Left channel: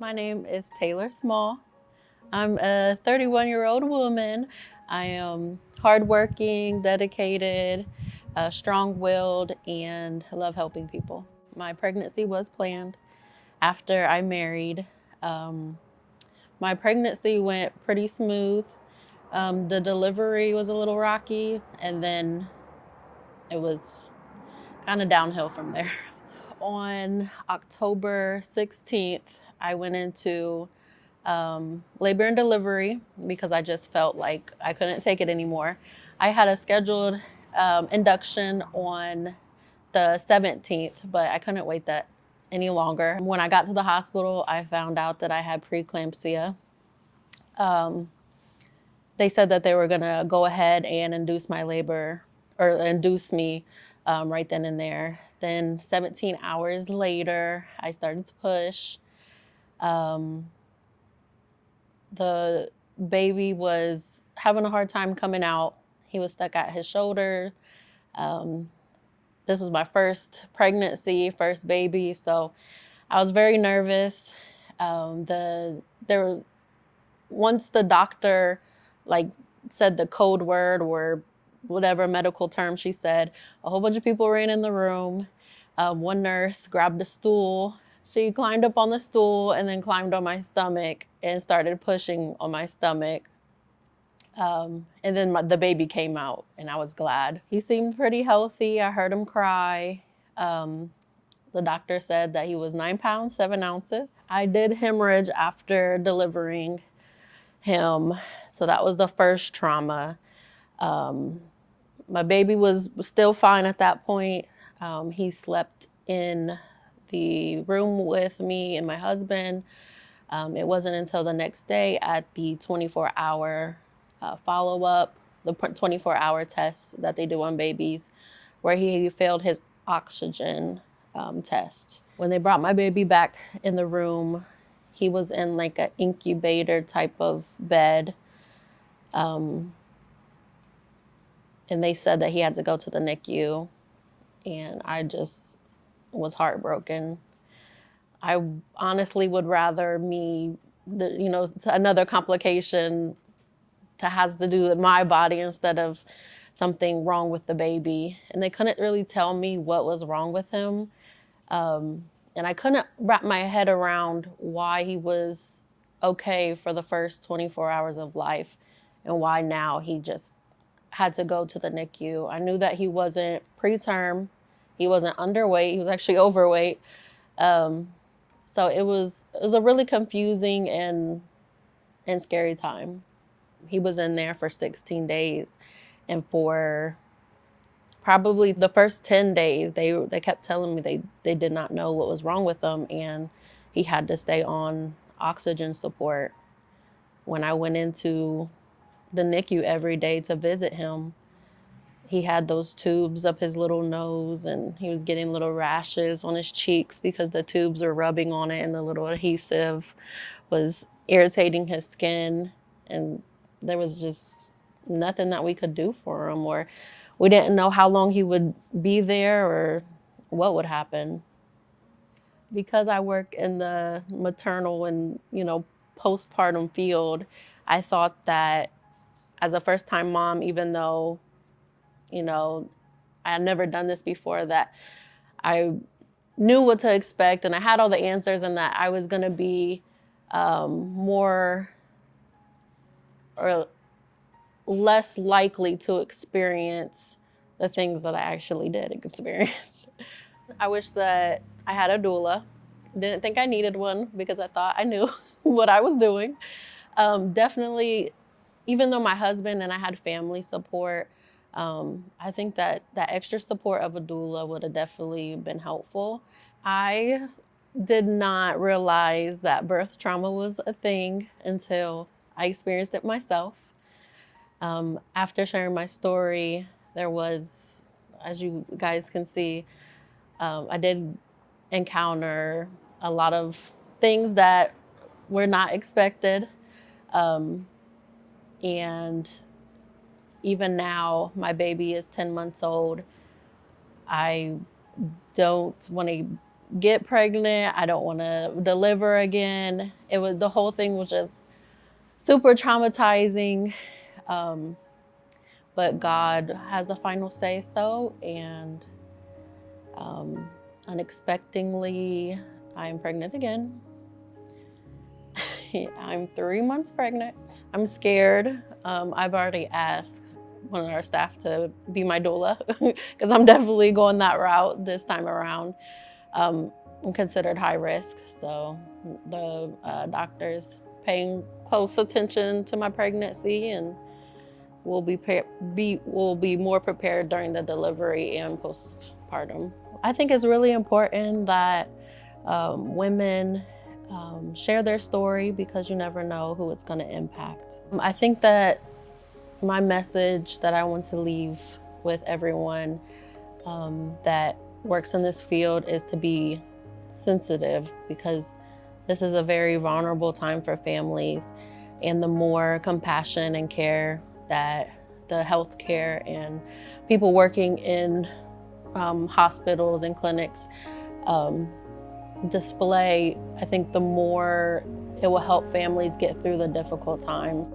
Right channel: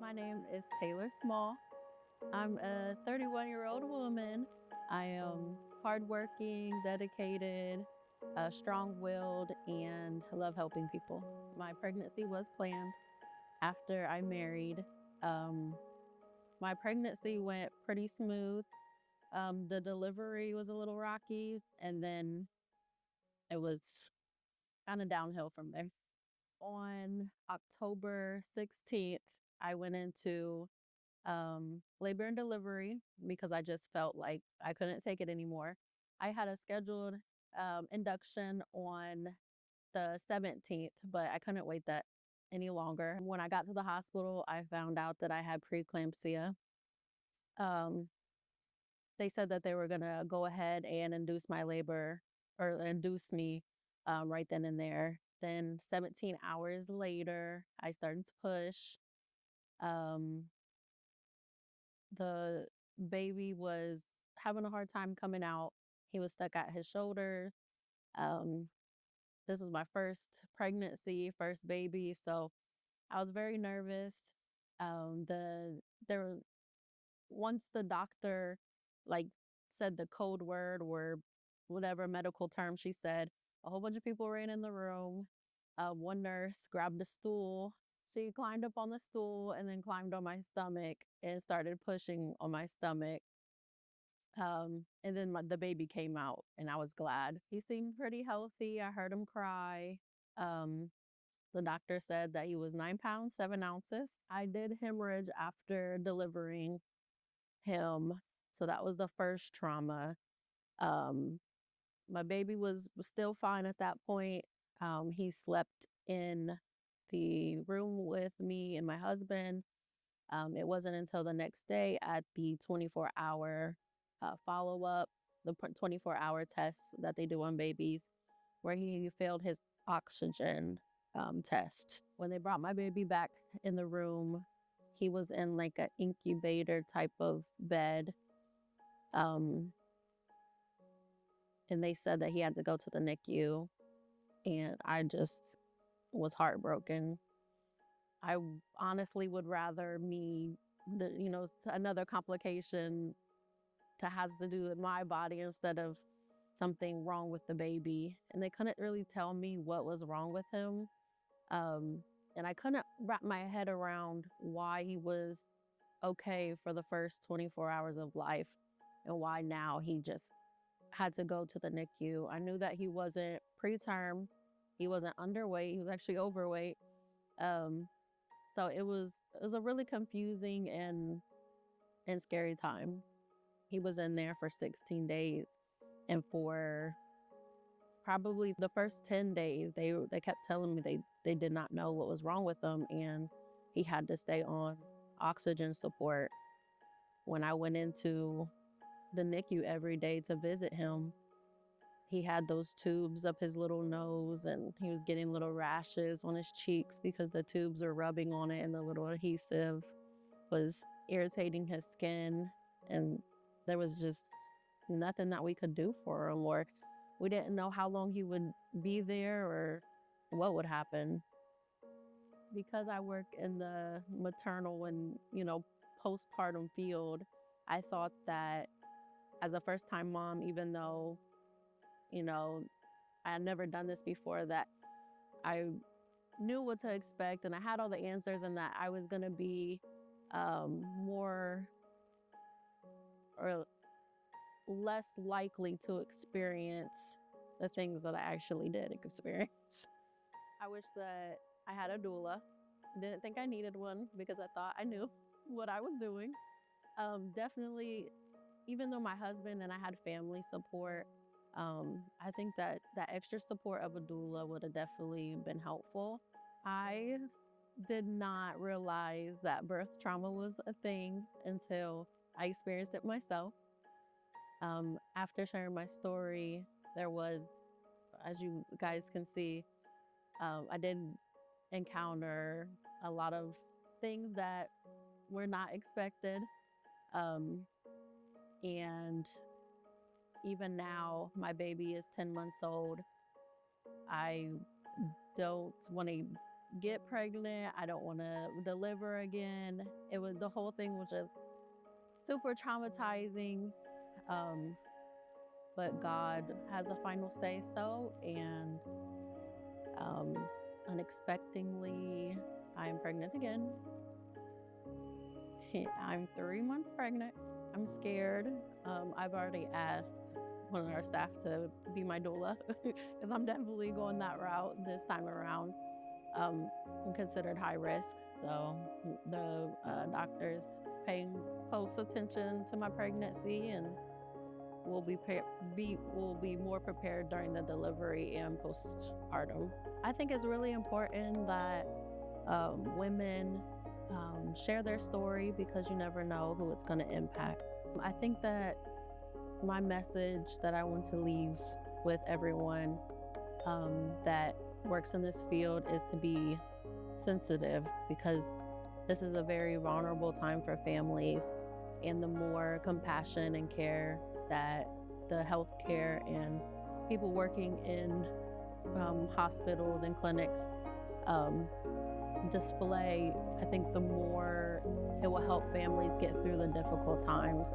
My name is Taylor Small. I'm a 31-year-old woman. I am hardworking, dedicated, strong-willed, and love helping people. My pregnancy was planned after I married. Um, my pregnancy went pretty smooth. The delivery was a little rocky, and then it was kind of downhill from there. On October 16th, I went into labor and delivery because I just felt like I couldn't take it anymore. I had a scheduled induction on the 17th, but I couldn't wait that any longer. When I got to the hospital, I found out that I had preeclampsia. Um, they said that they were going to go ahead and induce my labor or induce me right then and there. Then 17 hours later, I started to push. Um, the baby was having a hard time coming out. He was stuck at his shoulder. Um, this was my first pregnancy, first baby, so I was very nervous. There were once the doctor like said the code word or whatever medical term she said, a whole bunch of people ran in the room. One nurse grabbed a stool. She climbed up on the stool and then climbed on my stomach and started pushing on my stomach. And then the baby came out, and I was glad. He seemed pretty healthy. I heard him cry. Um, the doctor said that he was 9 pounds, 7 ounces. I did hemorrhage after delivering him. So that was the first trauma. Um, my baby was still fine at that point. He slept in the room with me and my husband. It wasn't until the next day at the 24-hour follow up, the 24-hour test that they do on babies, where he failed his oxygen test. When they brought my baby back in the room, he was in like an incubator type of bed. Um, and they said that he had to go to the NICU. And I just was heartbroken. I honestly would rather another complication that has to do with my body instead of something wrong with the baby. And they couldn't really tell me what was wrong with him. Um, and I couldn't wrap my head around why he was okay for the first 24 hours of life and why now he just had to go to the NICU. I knew that he wasn't preterm, he wasn't underweight, he was actually overweight. Um, so it was a really confusing and scary time. He was in there for 16 days, and for probably the first 10 days they kept telling me they did not know what was wrong with him, and he had to stay on oxygen support. When I went into the NICU every day to visit him, he had those tubes up his little nose, and he was getting little rashes on his cheeks because the tubes were rubbing on it and the little adhesive was irritating his skin. And there was just nothing that we could do for him, or we didn't know how long he would be there or what would happen. Because I work in the maternal and postpartum field, I thought that as a first time mom, even though you know I had never done this before, that I knew what to expect and I had all the answers, and that I was going to be more or less likely to experience the things that I actually did experience. I wish that I had a doula. Didn't think I needed one because I thought I knew what I was doing. Definitely, even though my husband and I had family support, I think that that extra support of a doula would have definitely been helpful. I did not realize that birth trauma was a thing until I experienced it myself. After sharing my story, there was, as you guys can see, I did encounter a lot of things that were not expected. Um, and even now, my baby is 10 months old. I don't want to get pregnant. I don't want to deliver again. The whole thing was just super traumatizing. Um, but God has the final say so. And um, unexpectedly, I'm pregnant again. I'm 3 months pregnant. I'm scared. I've already asked one of our staff to be my doula because I'm definitely going that route this time around. I'm considered high risk, so the doctors paying close attention to my pregnancy, and will be more prepared during the delivery and postpartum. I think it's really important that women share their story because you never know who it's going to impact. I think that my message that I want to leave with everyone that works in this field is to be sensitive, because this is a very vulnerable time for families, and the more compassion and care that the healthcare and people working in hospitals and clinics um, display, I think the more it will help families get through the difficult times.